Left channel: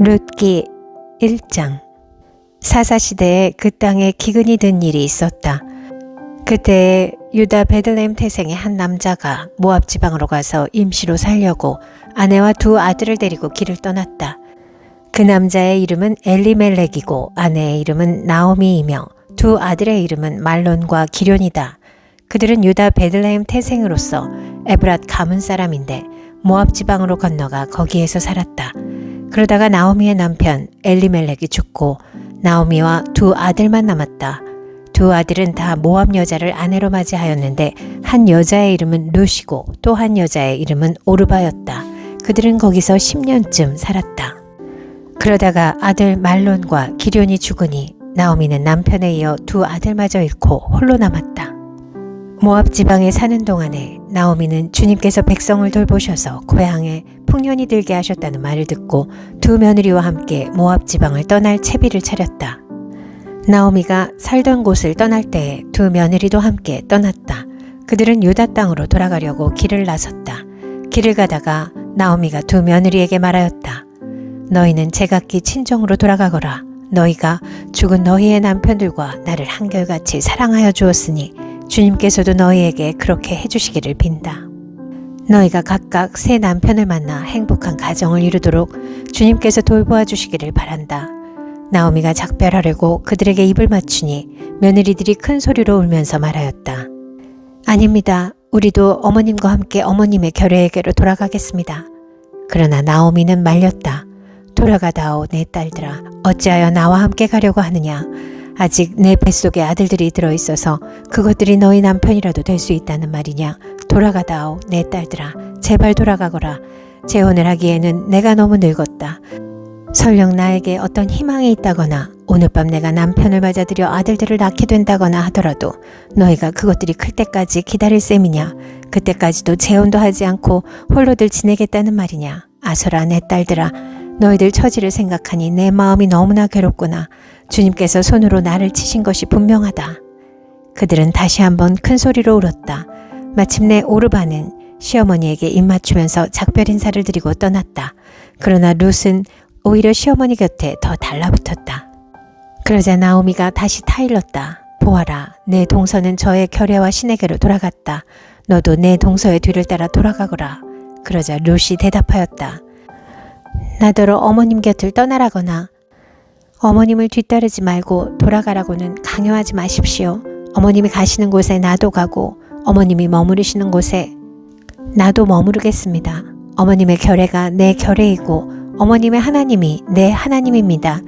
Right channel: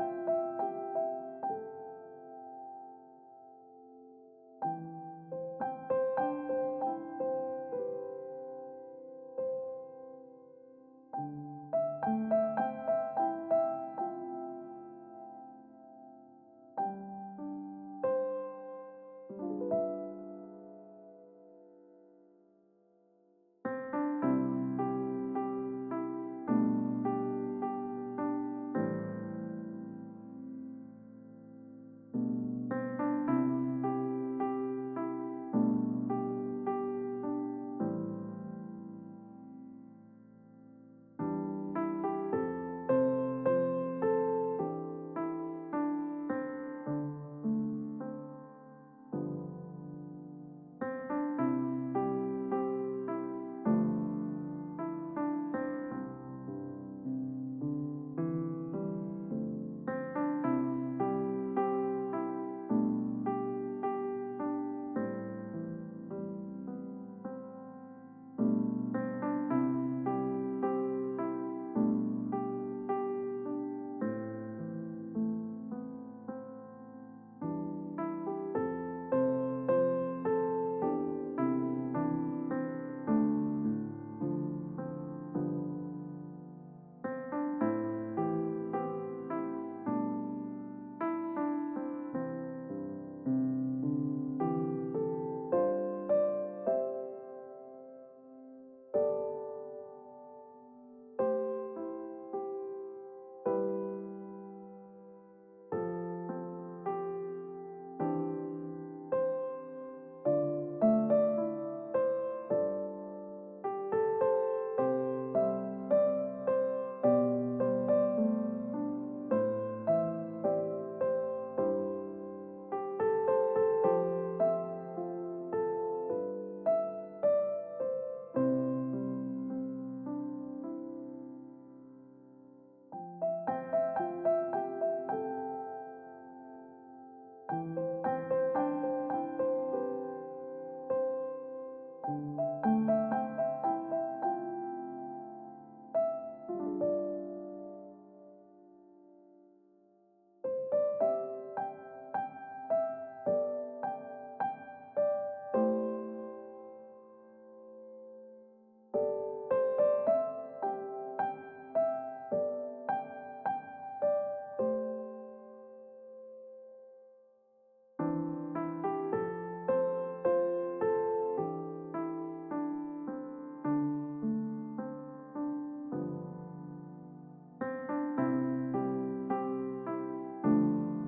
룻기 1장. 사사시대에 그 땅에 기근이 든 일이 있었다. 그때 유다 베들레헴 태생의 한 남자가 모압 지방으로 가서 임시로 살려고 아내와 두 아들을 데리고 길을 떠났다. 그 남자의 이름은 엘리멜렉이고 아내의 이름은 나오미이며 두 아들의 이름은 말론과 기련이다. 그들은 유다 베들레헴 태생으로서 에브랏 가문 사람인데 모압 지방으로 건너가 거기에서 살았다. 그러다가 나오미의 남편 엘리멜렉이 죽고 나오미와 두 아들만 남았다. 두 아들은 다 모압 여자를 아내로 맞이하였는데 한 여자의 이름은 룻이고 또 한 여자의 이름은 오르바였다. 그들은 거기서 10년쯤 살았다. 그러다가 아들 말론과 기련이 죽으니 나오미는 남편에 이어 두 아들마저 잃고 홀로 남았다. 모압 지방에 사는 동안에 나오미는 주님께서 백성을 돌보셔서 고향에 풍년이 들게 하셨다는 말을 듣고 두 며느리와 함께 모압 지방을 떠날 채비를 차렸다. 나오미가 살던 곳을 떠날 때에 두 며느리도 함께 떠났다. 그들은 유다 땅으로 돌아가려고 길을 나섰다. 길을 가다가 나오미가 두 며느리에게 말하였다. 너희는 제각기 친정으로 돌아가거라. 너희가 죽은 너희의 남편들과 나를 한결같이 사랑하여 주었으니 주님께서도 너희에게 그렇게 해주시기를 빈다. 너희가 각각 새 남편을 만나 행복한 가정을 이루도록 주님께서 돌보아 주시기를 바란다. 나오미가 작별하려고 그들에게 입을 맞추니 며느리들이 큰 소리로 울면서 말하였다. 아닙니다. 우리도 어머님과 함께 어머님의 결례에게로 돌아가겠습니다. 그러나 나오미는 말렸다. 돌아가다오 내 딸들아. 어찌하여 나와 함께 가려고 하느냐. 아직 내 뱃속에 아들들이 들어있어서 그것들이 너희 남편이라도 될 수 있다는 말이냐. 돌아가다오 내 딸들아. 제발 돌아가거라. 재혼을 하기에는 내가 너무 늙었다. 설령 나에게 어떤 희망이 있다거나 오늘 밤 내가 남편을 맞아들여 아들들을 낳게 된다거나 하더라도 너희가 그것들이 클 때까지 기다릴 셈이냐. 그때까지도 재혼도 하지 않고 홀로들 지내겠다는 말이냐. 아서라 내 딸들아. 너희들 처지를 생각하니 내 마음이 너무나 괴롭구나. 주님께서 손으로 나를 치신 것이 분명하다. 그들은 다시 한번 큰 소리로 울었다. 마침내 오르바는 시어머니에게 입맞추면서 작별 인사를 드리고 떠났다. 그러나 룻은 오히려 시어머니 곁에 더 달라붙었다. 그러자 나오미가 다시 타일렀다. 보아라, 내 동서는 저의 결례와 신에게로 돌아갔다. 너도 내 동서의 뒤를 따라 돌아가거라. 그러자 룻이 대답하였다. 나더러 어머님 곁을 떠나라거나 어머님을 뒤따르지 말고 돌아가라고는 강요하지 마십시오. 어머님이 가시는 곳에 나도 가고 어머님이 머무르시는 곳에 나도 머무르겠습니다. 어머님의 결례가 내 결례이고 어머님의 하나님이 내 하나님입니다.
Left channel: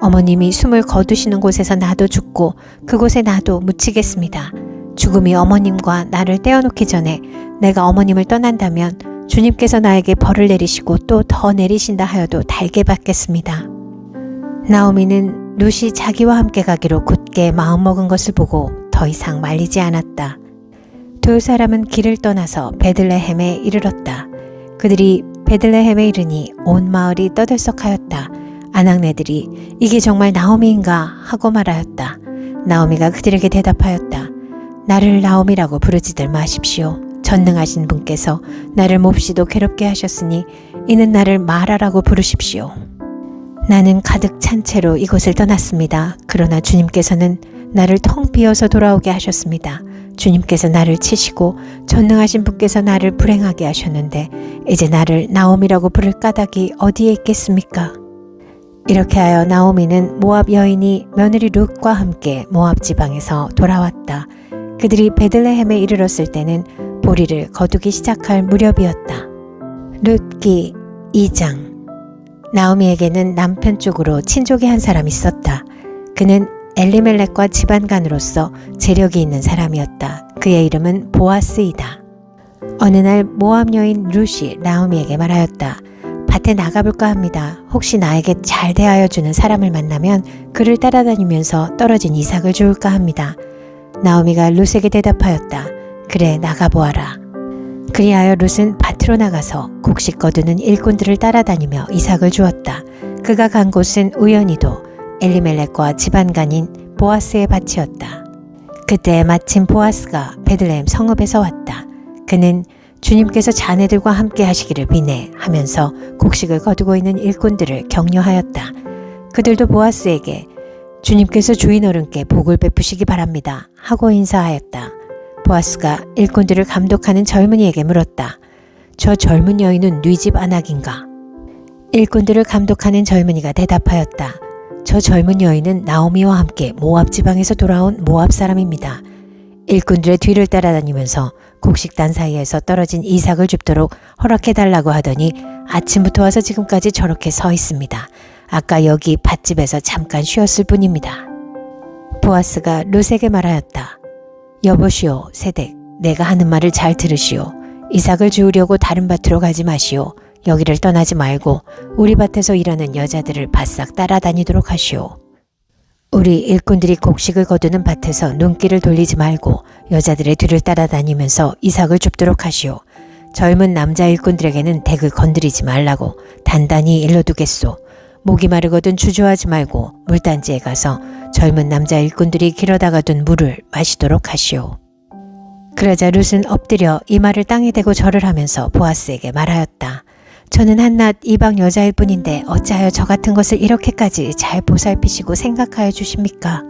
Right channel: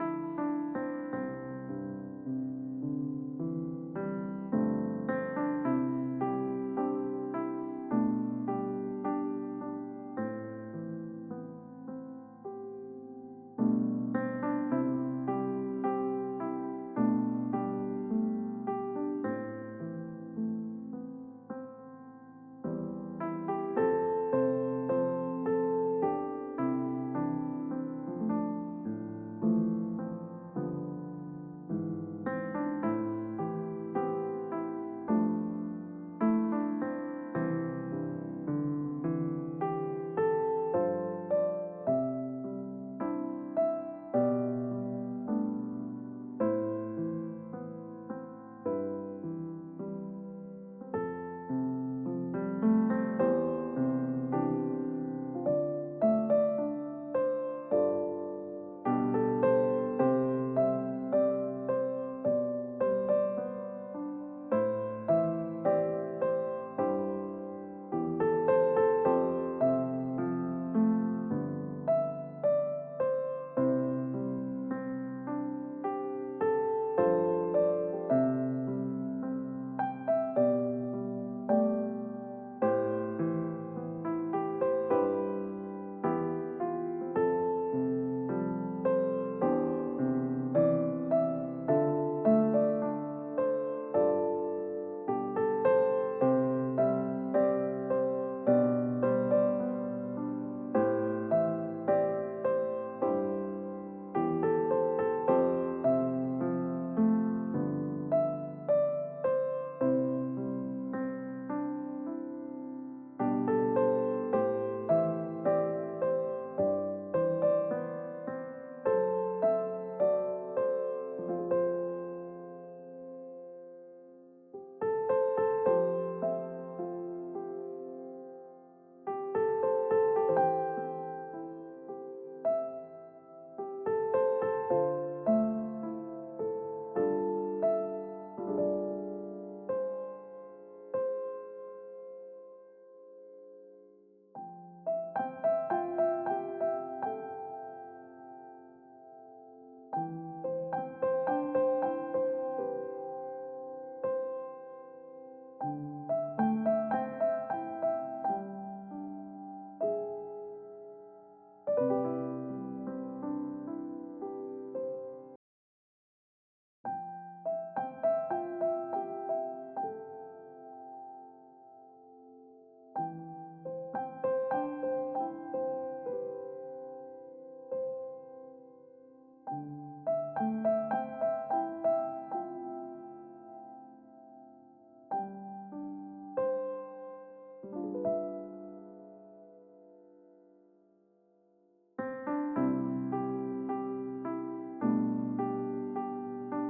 어머님이 숨을 거두시는 곳에서 나도 죽고 그곳에 나도 묻히겠습니다. 죽음이 어머님과 나를 떼어놓기 전에 내가 어머님을 떠난다면 주님께서 나에게 벌을 내리시고 또 더 내리신다 하여도 달게 받겠습니다. 나오미는 룻이 자기와 함께 가기로 굳게 마음먹은 것을 보고 더 이상 말리지 않았다. 두 사람은 길을 떠나서 베들레헴에 이르렀다. 그들이 베들레헴에 이르니 온 마을이 떠들썩하였다. 아낙네들이 이게 정말 나오미인가 하고 말하였다. 나오미가 그들에게 대답하였다. 나를 나오미라고 부르지들 마십시오. 전능하신 분께서 나를 몹시도 괴롭게 하셨으니 이는 나를 마라라고 부르십시오. 나는 가득 찬 채로 이곳을 떠났습니다. 그러나 주님께서는 나를 텅 비어서 돌아오게 하셨습니다. 주님께서 나를 치시고 전능하신 분께서 나를 불행하게 하셨는데 이제 나를 나오미라고 부를 까닭이 어디에 있겠습니까? 이렇게 하여 나오미는 모압 여인이 며느리 룻과 함께 모압 지방에서 돌아왔다. 그들이 베들레헴에 이르렀을 때는 보리를 거두기 시작할 무렵이었다. 룻기 2장. 나오미에게는 남편 쪽으로 친족이 한 사람 있었다. 그는 엘리멜렉과 집안간으로서 재력이 있는 사람이었다. 그의 이름은 보아스이다. 어느 날 모압 여인 룻이 나오미에게 말하였다. 밭에 나가볼까 합니다. 혹시 나에게 잘 대하여 주는 사람을 만나면 그를 따라다니면서 떨어진 이삭을 주울까 합니다. 나오미가 룻에게 대답하였다. 그래, 나가보아라. 그리하여 룻은 밭으로 나가서 곡식 거두는 일꾼들을 따라다니며 이삭을 주었다. 그가 간 곳은 우연히도 엘리멜렉과 집안간인 보아스의 밭이었다. 그때 마침 보아스가 베들레헴 성읍에서 왔다. 그는 주님께서 자네들과 함께 하시기를 비네 하면서 곡식을 거두고 있는 일꾼들을 격려하였다. 그들도 보아스에게 주님께서 주인 어른께 복을 베푸시기 바랍니다 하고 인사하였다. 보아스가 일꾼들을 감독하는 젊은이에게 물었다. 저 젊은 여인은 네 집 아낙인가? 일꾼들을 감독하는 젊은이가 대답하였다. 저 젊은 여인은 나오미와 함께 모압 지방에서 돌아온 모압 사람입니다. 일꾼들의 뒤를 따라다니면서 곡식단 사이에서 떨어진 이삭을 줍도록 허락해달라고 하더니 아침부터 와서 지금까지 저렇게 서 있습니다. 아까 여기 밭집에서 잠깐 쉬었을 뿐입니다. 보아스가 룻에게 말하였다. 여보시오 세댁, 내가 하는 말을 잘 들으시오. 이삭을 주우려고 다른 밭으로 가지 마시오. 여기를 떠나지 말고 우리 밭에서 일하는 여자들을 바싹 따라다니도록 하시오. 우리 일꾼들이 곡식을 거두는 밭에서 눈길을 돌리지 말고 여자들의 뒤를 따라다니면서 이삭을 줍도록 하시오. 젊은 남자 일꾼들에게는 덱을 건드리지 말라고 단단히 일러두겠소. 목이 마르거든 주저하지 말고 물단지에 가서 젊은 남자 일꾼들이 길어다가 둔 물을 마시도록 하시오. 그러자 룻은 엎드려 이마를 땅에 대고 절을 하면서 보아스에게 말하였다. 저는 한낱 이방 여자일 뿐인데 어찌하여 저 같은 것을 이렇게까지 잘 보살피시고 생각하여 주십니까?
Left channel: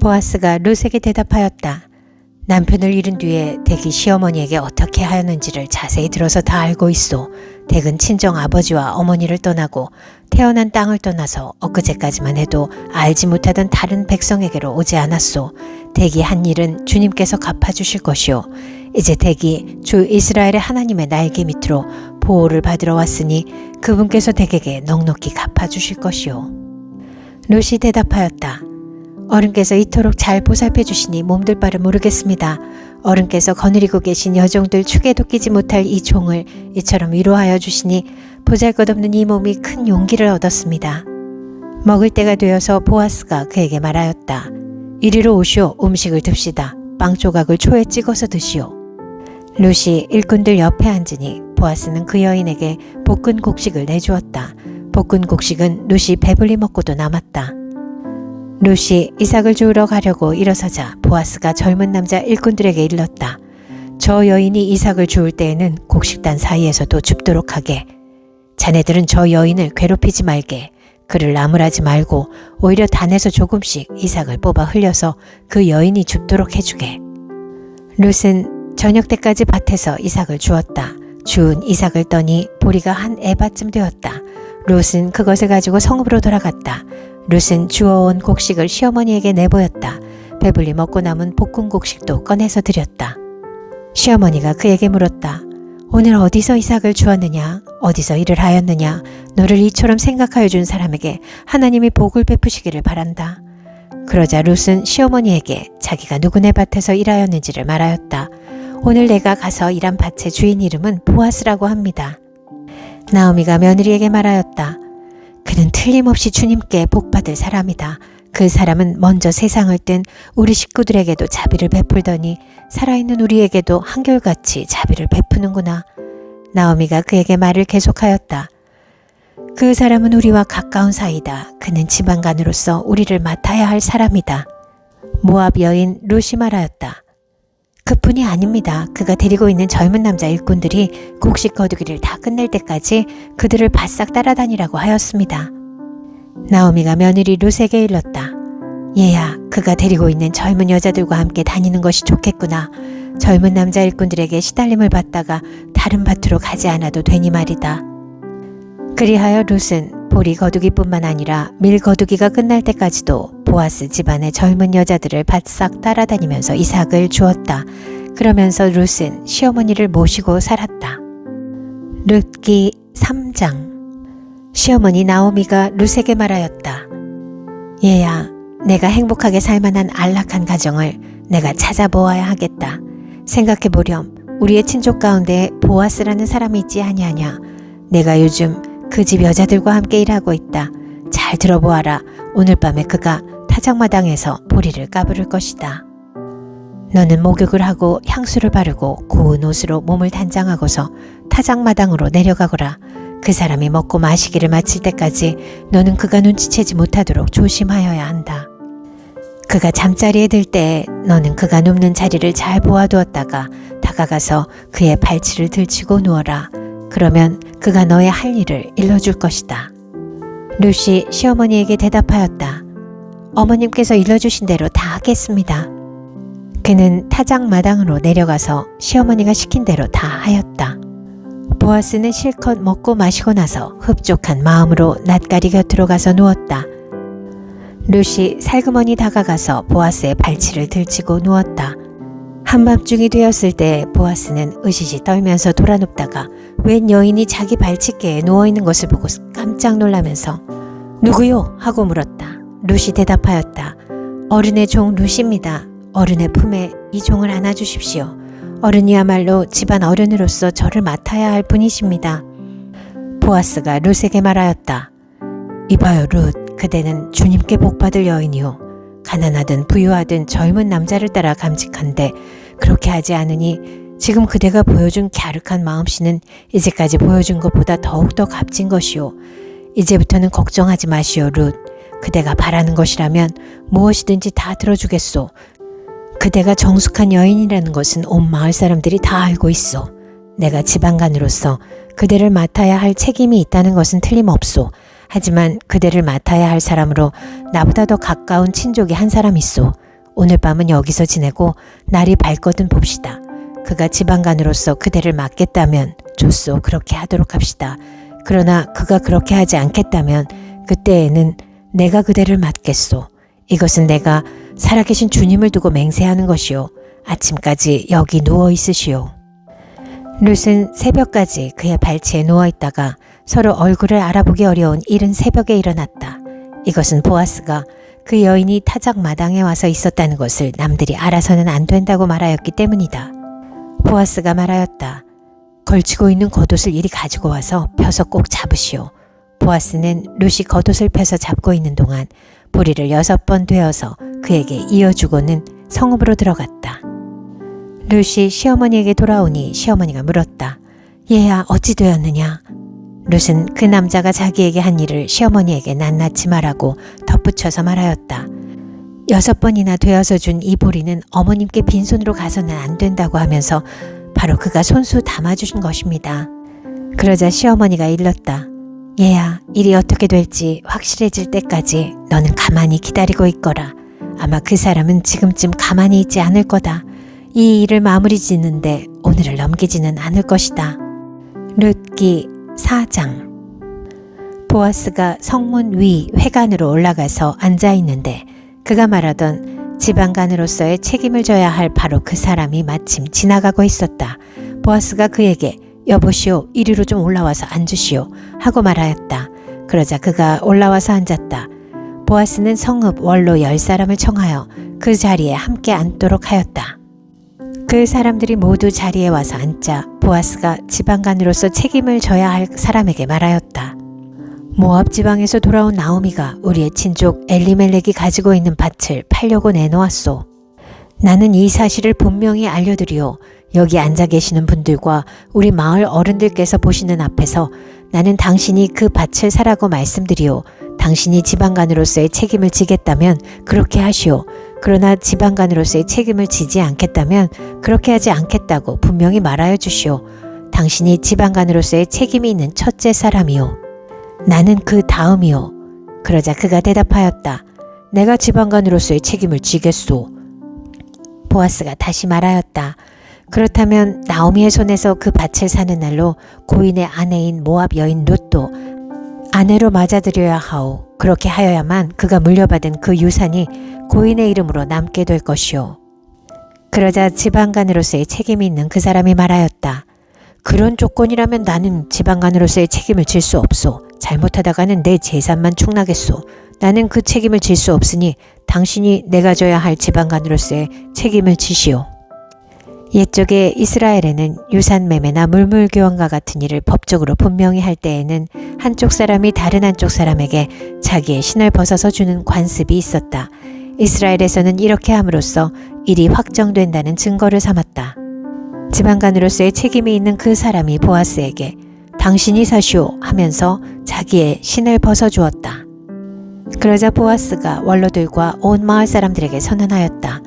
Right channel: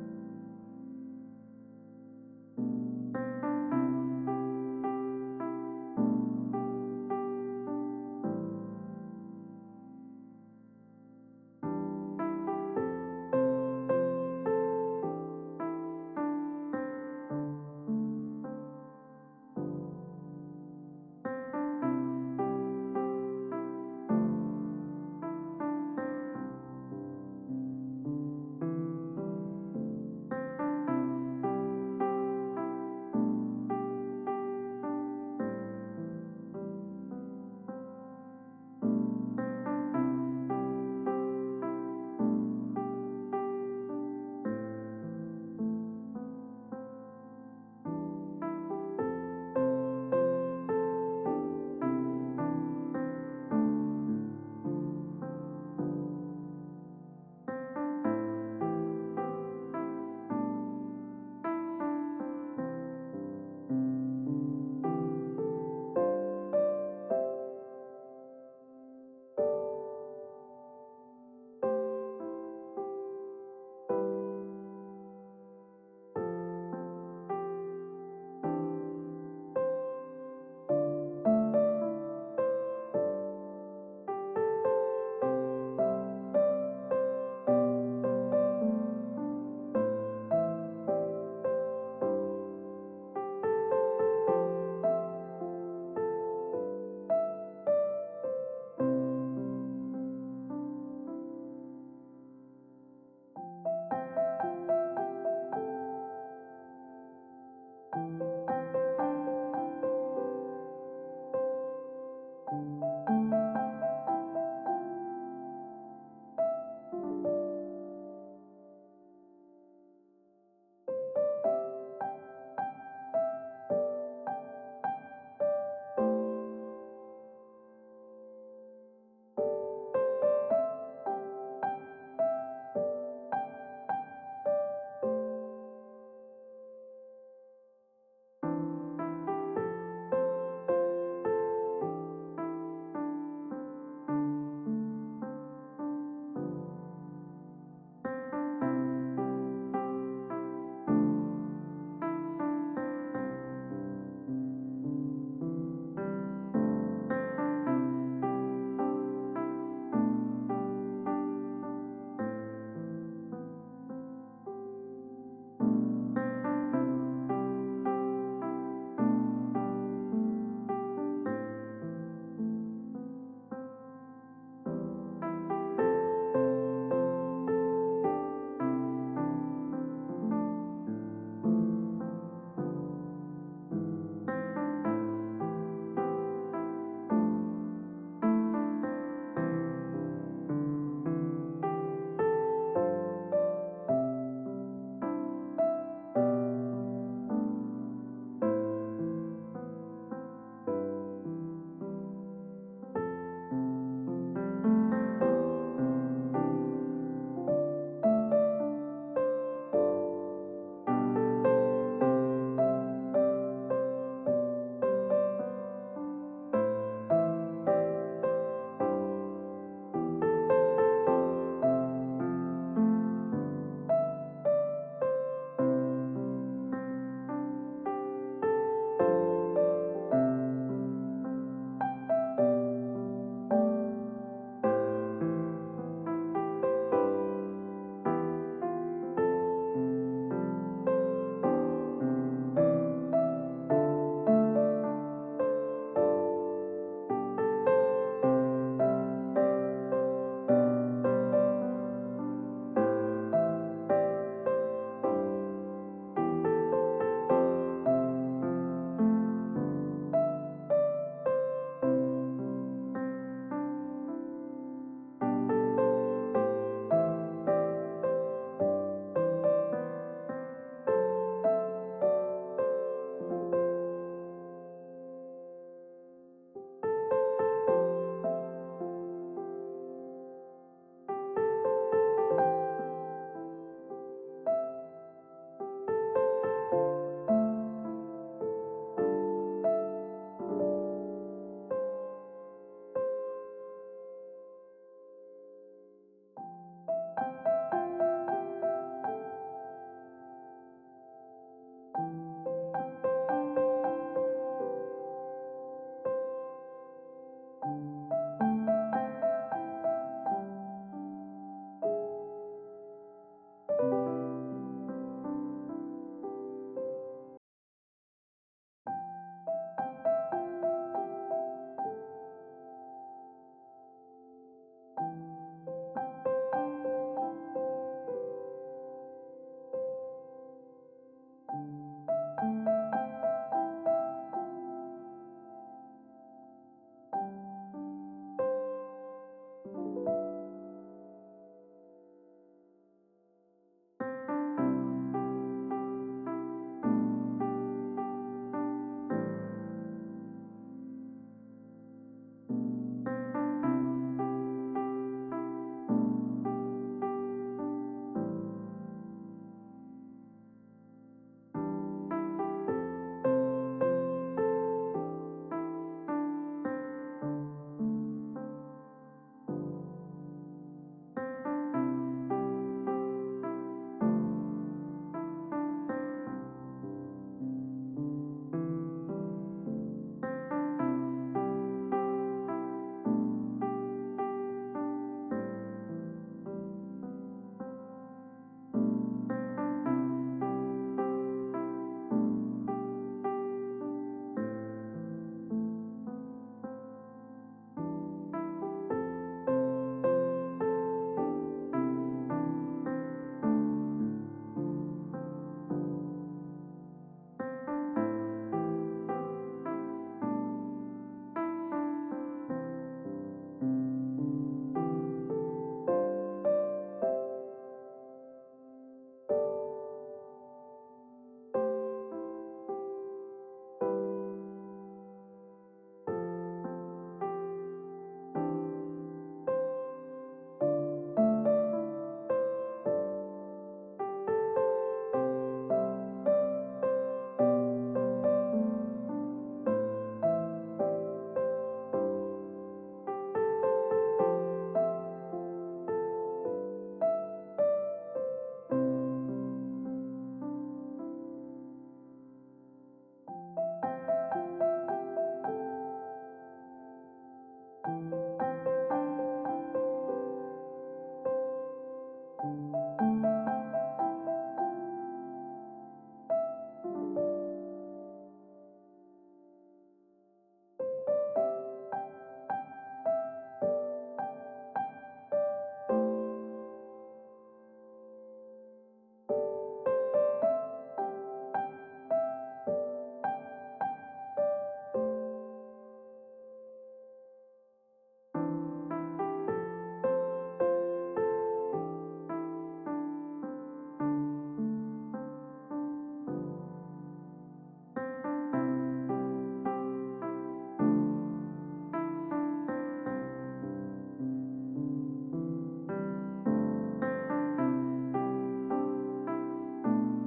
보아스가 룻에게 대답하였다. 남편을 잃은 뒤에 댁이 시어머니에게 어떻게 하였는지를 자세히 들어서 다 알고 있소. 댁은 친정 아버지와 어머니를 떠나고 태어난 땅을 떠나서 엊그제까지만 해도 알지 못하던 다른 백성에게로 오지 않았소. 댁이 한 일은 주님께서 갚아주실 것이오. 이제 댁이 주 이스라엘의 하나님의 날개 밑으로 보호를 받으러 왔으니 그분께서 댁에게 넉넉히 갚아주실 것이오. 룻이 대답하였다. 어른께서 이토록 잘 보살펴 주시니 몸둘 바를 모르겠습니다. 어른께서 거느리고 계신 여종들 축에도 끼지 못할 이 종을 이처럼 위로하여 주시니 보잘것없는 이 몸이 큰 용기를 얻었습니다. 먹을 때가 되어서 보아스가 그에게 말하였다. 이리로 오시오. 음식을 듭시다. 빵 조각을 초에 찍어서 드시오. 룻이 일꾼들 옆에 앉으니 보아스는 그 여인에게 볶은 곡식을 내주었다. 볶은 곡식은 룻이 배불리 먹고도 남았다. 룻이 이삭을 주우러 가려고 일어서자 보아스가 젊은 남자 일꾼들에게 일렀다. 저 여인이 이삭을 주울 때에는 곡식단 사이에서도 줍도록 하게. 자네들은 저 여인을 괴롭히지 말게. 그를 나무라지 말고 오히려 단에서 조금씩 이삭을 뽑아 흘려서 그 여인이 줍도록 해주게. 룻은 저녁 때까지 밭에서 이삭을 주었다. 주운 이삭을 떠니 보리가 한 에바쯤 되었다. 룻은 그것을 가지고 성읍으로 돌아갔다. 룻은 주워온 곡식을 시어머니에게 내보였다. 배불리 먹고 남은 볶은 곡식도 꺼내서 드렸다. 시어머니가 그에게 물었다. 오늘 어디서 이삭을 주었느냐? 어디서 일을 하였느냐? 너를 이처럼 생각하여 준 사람에게 하나님이 복을 베푸시기를 바란다. 그러자 룻은 시어머니에게 자기가 누구네 밭에서 일하였는지를 말하였다. 오늘 내가 가서 일한 밭의 주인 이름은 보아스라고 합니다. 나오미가 며느리에게 말하였다. 그는 틀림없이 주님께 복받을 사람이다. 그 사람은 먼저 세상을 뜬 우리 식구들에게도 자비를 베풀더니 살아있는 우리에게도 한결같이 자비를 베푸는구나. 나오미가 그에게 말을 계속하였다. 그 사람은 우리와 가까운 사이다. 그는 지방간으로서 우리를 맡아야 할 사람이다. 모압 여인 룻이 말하였다. 그뿐이 아닙니다. 그가 데리고 있는 젊은 남자 일꾼들이 곡식 거두기를 다 끝낼 때까지 그들을 바싹 따라다니라고 하였습니다. 나오미가 며느리 룻에게 일렀다. 얘야, 그가 데리고 있는 젊은 여자들과 함께 다니는 것이 좋겠구나. 젊은 남자 일꾼들에게 시달림을 받다가 다른 밭으로 가지 않아도 되니 말이다. 그리하여 룻은 보리 거두기뿐만 아니라 밀 거두기가 끝날 때까지도 보아스 집안의 젊은 여자들을 바싹 따라다니면서 이삭을 주었다. 그러면서 룻은 시어머니를 모시고 살았다. 룻기 3장. 시어머니 나오미가 룻에게 말하였다. 얘야, 내가 행복하게 살만한 안락한 가정을 내가 찾아보아야 하겠다. 생각해보렴. 우리의 친족 가운데 보아스라는 사람이 있지 아니하냐. 내가 요즘 그 집 여자들과 함께 일하고 있다. 잘 들어보아라. 오늘 밤에 그가 타작마당에서 보리를 까부를 것이다. 너는 목욕을 하고 향수를 바르고 고운 옷으로 몸을 단장하고서 타작마당으로 내려가거라. 그 사람이 먹고 마시기를 마칠 때까지 너는 그가 눈치채지 못하도록 조심하여야 한다. 그가 잠자리에 들 때 너는 그가 눕는 자리를 잘 보아두었다가 다가가서 그의 발치를 들치고 누워라. 그러면 그가 너의 할 일을 일러줄 것이다. 룻이 시어머니에게 대답하였다. 어머님께서 일러주신 대로 다 하겠습니다. 그는 타작 마당으로 내려가서 시어머니가 시킨 대로 다 하였다. 보아스는 실컷 먹고 마시고 나서 흡족한 마음으로 낫가리 곁으로 가서 누웠다. 룻이 살그머니 다가가서 보아스의 발치를 들치고 누웠다. 한밤중이 되었을 때 보아스는 으시시 떨면서 돌아눕다가 웬 여인이 자기 발치께에 누워있는 것을 보고 깜짝 놀라면서 누구요? 하고 물었다. 룻이 대답하였다. 어른의 종 룻입니다. 어른의 품에 이 종을 안아주십시오. 어른이야말로 집안 어른으로서 저를 맡아야 할 분이십니다. 보아스가 룻에게 말하였다. 이봐요 룻, 그대는 주님께 복받을 여인이요. 가난하든 부유하든 젊은 남자를 따라 감직한데 그렇게 하지 않으니 지금 그대가 보여준 갸륵한 마음씨는 이제까지 보여준 것보다 더욱더 값진 것이요. 이제부터는 걱정하지 마시오 룻. 그대가 바라는 것이라면 무엇이든지 다 들어주겠소. 그대가 정숙한 여인이라는 것은 온 마을 사람들이 다 알고 있소. 내가 지방간으로서 그대를 맡아야 할 책임이 있다는 것은 틀림없소. 하지만 그대를 맡아야 할 사람으로 나보다 더 가까운 친족이 한 사람 있소. 오늘 밤은 여기서 지내고 날이 밝거든 봅시다. 그가 지방간으로서 그대를 맡겠다면 좋소. 그렇게 하도록 합시다. 그러나 그가 그렇게 하지 않겠다면 그때에는 내가 그대를 맡겠소. 이것은 내가 살아계신 주님을 두고 맹세하는 것이요. 아침까지 여기 누워 있으시오. 룻은 새벽까지 그의 발치에 누워있다가 서로 얼굴을 알아보기 어려운 이른 새벽에 일어났다. 이것은 보아스가 그 여인이 타작 마당에 와서 있었다는 것을 남들이 알아서는 안 된다고 말하였기 때문이다. 보아스가 말하였다. 걸치고 있는 겉옷을 이리 가지고 와서 펴서 꼭 잡으시오. 보아스는 룻이 겉옷을 펴서 잡고 있는 동안 보리를 6번 되어서 그에게 이어주고는 성읍으로 들어갔다. 룻이 시어머니에게 돌아오니 시어머니가 물었다. 얘야 어찌 되었느냐? 룻은 그 남자가 자기에게 한 일을 시어머니에게 낱낱이 말하고 덧붙여서 말하였다. 6번이나 되어서 준 이 보리는 어머님께 빈손으로 가서는 안 된다고 하면서 바로 그가 손수 담아주신 것입니다. 그러자 시어머니가 일렀다. 얘야 일이 어떻게 될지 확실해질 때까지 너는 가만히 기다리고 있거라. 아마 그 사람은 지금쯤 가만히 있지 않을 거다. 이 일을 마무리 짓는데 오늘을 넘기지는 않을 것이다. 룻기 4장. 보아스가 성문 위 회관으로 올라가서 앉아있는데 그가 말하던 지방간으로서의 책임을 져야 할 바로 그 사람이 마침 지나가고 있었다. 보아스가 그에게 여보시오 이리로 좀 올라와서 앉으시오 하고 말하였다. 그러자 그가 올라와서 앉았다. 보아스는 성읍 원로 10사람을 청하여 그 자리에 함께 앉도록 하였다. 그 사람들이 모두 자리에 와서 앉자 보아스가 지방간으로서 책임을 져야 할 사람에게 말하였다. 모압 지방에서 돌아온 나오미가 우리의 친족 엘리멜렉이 가지고 있는 밭을 팔려고 내놓았소. 나는 이 사실을 분명히 알려드리오. 여기 앉아 계시는 분들과 우리 마을 어른들께서 보시는 앞에서 나는 당신이 그 밭을 사라고 말씀드리오. 당신이 지방간으로서의 책임을 지겠다면 그렇게 하시오. 그러나 지방간으로서의 책임을 지지 않겠다면 그렇게 하지 않겠다고 분명히 말하여 주시오. 당신이 지방간으로서의 책임이 있는 첫째 사람이오. 나는 그 다음이오. 그러자 그가 대답하였다. 내가 지방간으로서의 책임을 지겠소. 보아스가 다시 말하였다. 그렇다면 나오미의 손에서 그 밭을 사는 날로 고인의 아내인 모압 여인 룻도 아내로 맞아들여야 하오. 그렇게 하여야만 그가 물려받은 그 유산이 고인의 이름으로 남게 될 것이오. 그러자 지방간으로서의 책임이 있는 그 사람이 말하였다. 그런 조건이라면 나는 지방간으로서의 책임을 질 수 없소. 잘못하다가는 내 재산만 축나겠소. 나는 그 책임을 질 수 없으니 당신이 내가 져야 할 지방간으로서의 책임을 지시오. 옛적에 이스라엘에는 유산매매나 물물교환과 같은 일을 법적으로 분명히 할 때에는 한쪽 사람이 다른 한쪽 사람에게 자기의 신을 벗어서 주는 관습이 있었다. 이스라엘에서는 이렇게 함으로써 일이 확정된다는 증거를 삼았다. 지방간으로서의 책임이 있는 그 사람이 보아스에게 당신이 사시오 하면서 자기의 신을 벗어주었다. 그러자 보아스가 원로들과 온 마을 사람들에게 선언하였다.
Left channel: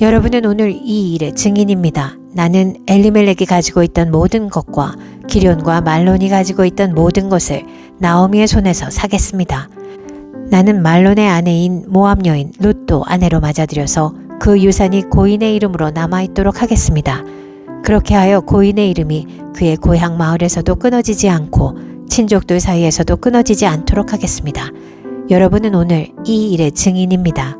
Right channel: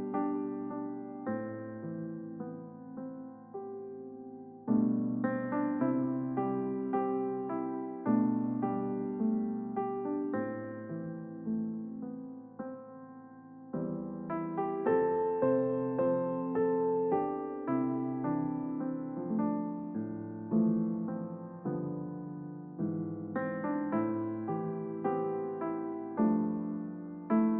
여러분은 오늘 이 일의 증인입니다. 나는 엘리멜렉이 가지고 있던 모든 것과 기럨과 말론이 가지고 있던 모든 것을 나오미의 손에서 사겠습니다. 나는 말론의 아내인 모압 여인 룻도 아내로 맞아들여서 그 유산이 고인의 이름으로 남아있도록 하겠습니다. 그렇게 하여 고인의 이름이 그의 고향 마을에서도 끊어지지 않고 친족들 사이에서도 끊어지지 않도록 하겠습니다. 여러분은 오늘 이 일의 증인입니다.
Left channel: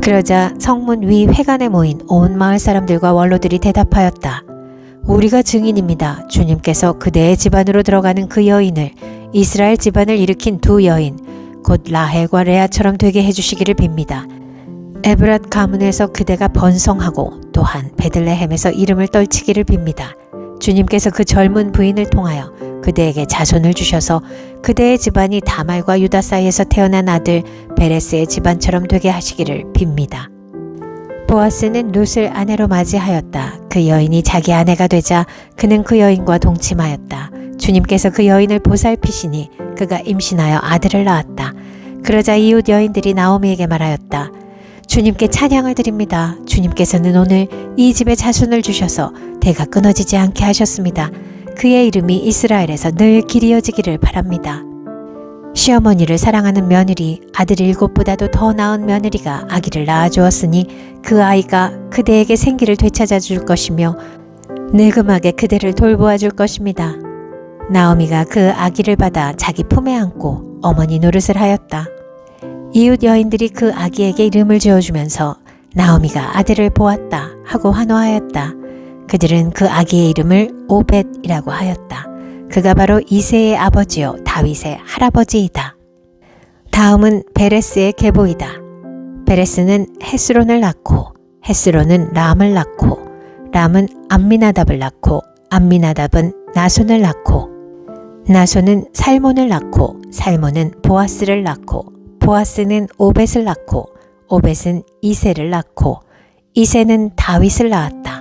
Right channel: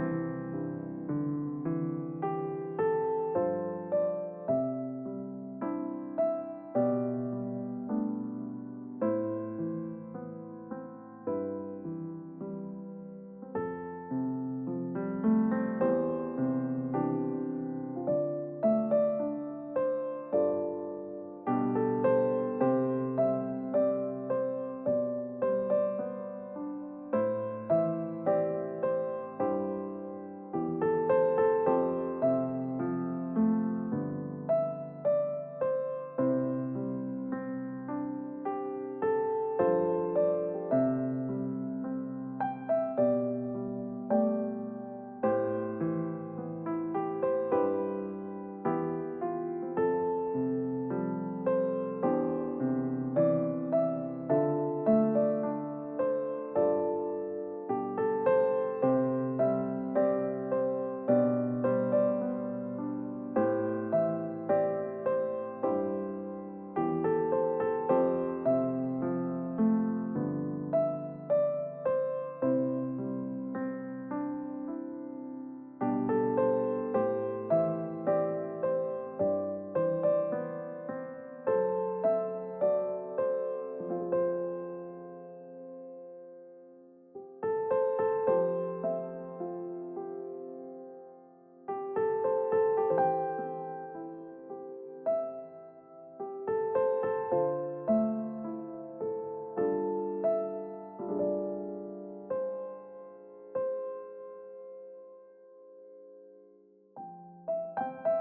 그러자 성문 위 회관에 모인 온 마을 사람들과 원로들이 대답하였다. 우리가 증인입니다. 주님께서 그대의 집안으로 들어가는 그 여인을 이스라엘 집안을 일으킨 두 여인 곧 라헬과 레아처럼 되게 해주시기를 빕니다. 에브랏 가문에서 그대가 번성하고 또한 베들레헴에서 이름을 떨치기를 빕니다. 주님께서 그 젊은 부인을 통하여 그대에게 자손을 주셔서 그대의 집안이 다말과 유다 사이에서 태어난 아들 베레스의 집안처럼 되게 하시기를 빕니다. 보아스는 룻을 아내로 맞이하였다. 그 여인이 자기 아내가 되자 그는 그 여인과 동침하였다. 주님께서 그 여인을 보살피시니 그가 임신하여 아들을 낳았다. 그러자 이웃 여인들이 나오미에게 말하였다. 주님께 찬양을 드립니다. 주님께서는 오늘 이 집에 자손을 주셔서 대가 끊어지지 않게 하셨습니다. 그의 이름이 이스라엘에서 늘 길이어지기를 바랍니다. 시어머니를 사랑하는 며느리, 아들 7보다도 더 나은 며느리가 아기를 낳아주었으니 그 아이가 그대에게 생기를 되찾아 줄 것이며 느금하게 그대를 돌보아 줄 것입니다. 나오미가 그 아기를 받아 자기 품에 안고 어머니 노릇을 하였다. 이웃 여인들이 그 아기에게 이름을 지어주면서 나오미가 아들을 보았다 하고 환호하였다. 그들은 그 아기의 이름을 오벳이라고 하였다. 그가 바로 이새의 아버지요 다윗의 할아버지이다. 다음은 베레스의 계보이다. 베레스는 헤스론을 낳고 헤스론은 람을 낳고 람은 암미나답을 낳고 암미나답은 나손을 낳고 나손은 살몬을 낳고 살몬은 보아스를 낳고 보아스는 오벳을 낳고 오벳은 이새를 낳고 이새는 다윗을 낳았다.